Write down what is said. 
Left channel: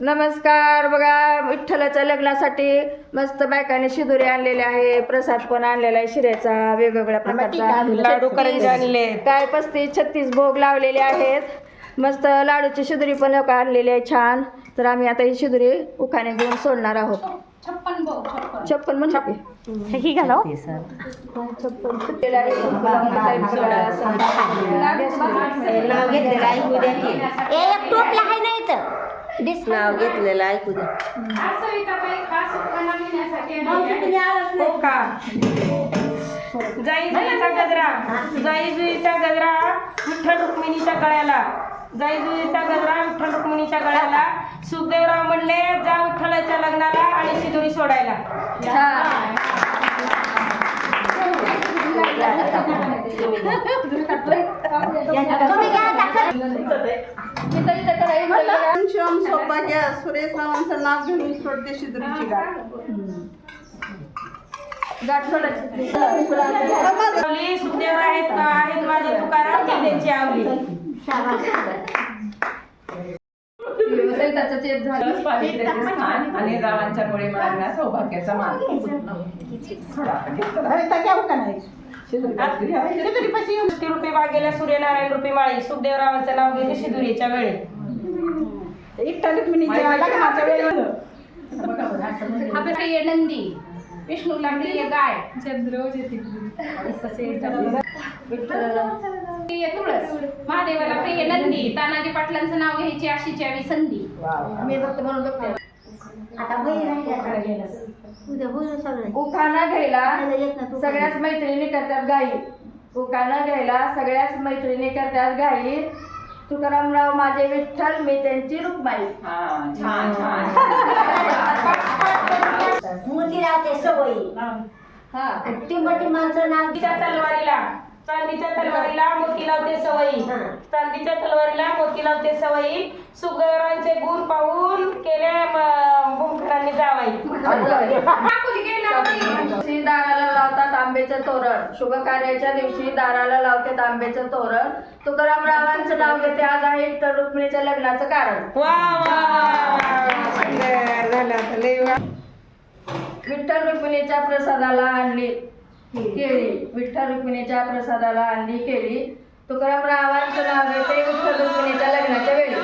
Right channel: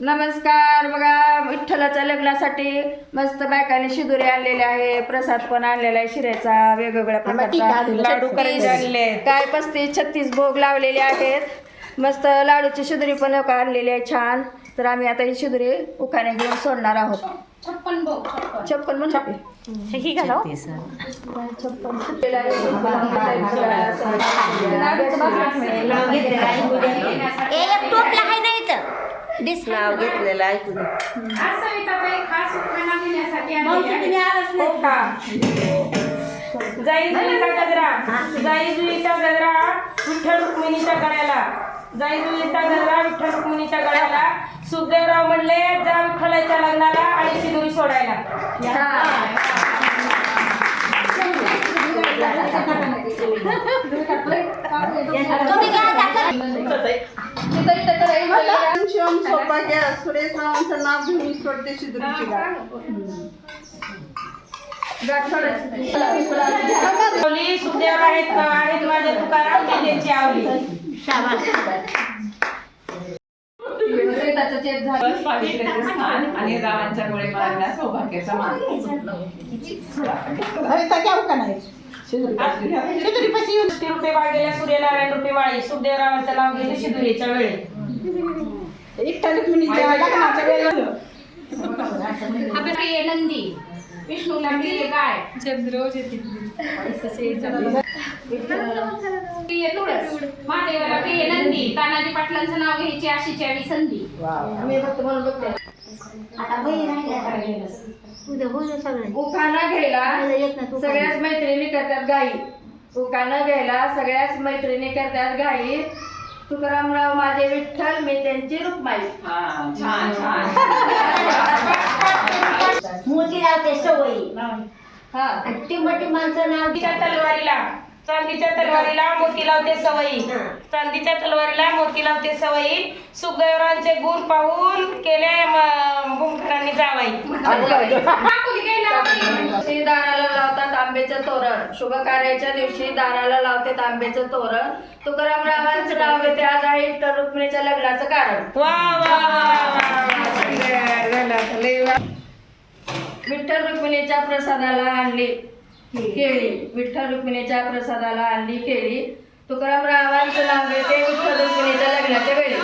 नमस्कार. बघा, विठ्ठलाच्या लग्नासाठी मस्त बायकाने शिदुरी आणलेले आहे, प्रसाद पण आणलेला आहे शिऱ्याचा, वेगवेगळ्या प्रकारचा लाडू करंजी आणले, काय 35-36 भोग लावलेले आहेत. मस्त लाडूची शिदुरी पण लोक आणलेली आहे छान. तर आम्ही आता ही शिदुरी उखाणे घेऊन सोडणार आहोत. 56 म्हणजे हे घालो नाव घेतलेलं आहे कुणी जाई जुईचा गजरा विठ्ठल रुक्मिणीच्या गळ्याला, जाई जुईचा गजरा विठ्ठल रुक्मिणीच्या गळ्याला. सुखदेवराव म्हणले जा विठ्ठलाच्या लग्नाला आणि शिदुरी सोडायला. सौभाग्य सुरेश रावांचं नाव घेऊन सोडते शिदुरीची आवली सुखदेव आहेत माझे तुकाराम त्यांची आवली. आणि रावांच्या मुळे मारला सौभाग्याचा मान. रुपये बागेला सूर्यनारायण रुपये माळी, सुखदेवरावांचं नाव घेते शिदुरीच्या वेळी. नंदी विष्णू लागलेले गाय महादेवाला प्रिय नंदी, तानाजी पाटलांचं नाव घ्यायची अशीची आली संधी. उखाणा घ्यायला सगळ्याच मैत्रिणी करतात गाई. उखाणा घ्यायला सगळ्याच मैत्रिणी करतात गाई. तुकारामराव माझे विठ्ठल, मी त्यांची रुक्माई. छान छान. मोती लावते सवयी. टिंबटी माणसं नाव चांदीच्या तलवारीला मोती लावते सवयी, चांदीच्या तलवारीला मोती लावते सवयी. सुखदेवरावांचे गुण पाहून केले भूमकरांनी जावई. दाराला लावतात आंब्याचं तोरण, शुभ कार्याच्या दिवशी दाराला लावतात आंब्याचं तोरण. तुकारामरावांचं नाव घेते आज आहे विठ्ठल रुक्मिणीच्या लग्नाचं कारण. विठ्ठल रुक्मिणीच्या प्रसादाला आणली केळी, विठ्ठल रुक्मिणीच्या प्रसादाला आणली केळी. तुकारामरावांचं नाव घेते विठ्ठल रुक्मिणीच्या लग्नाच्या वेळी.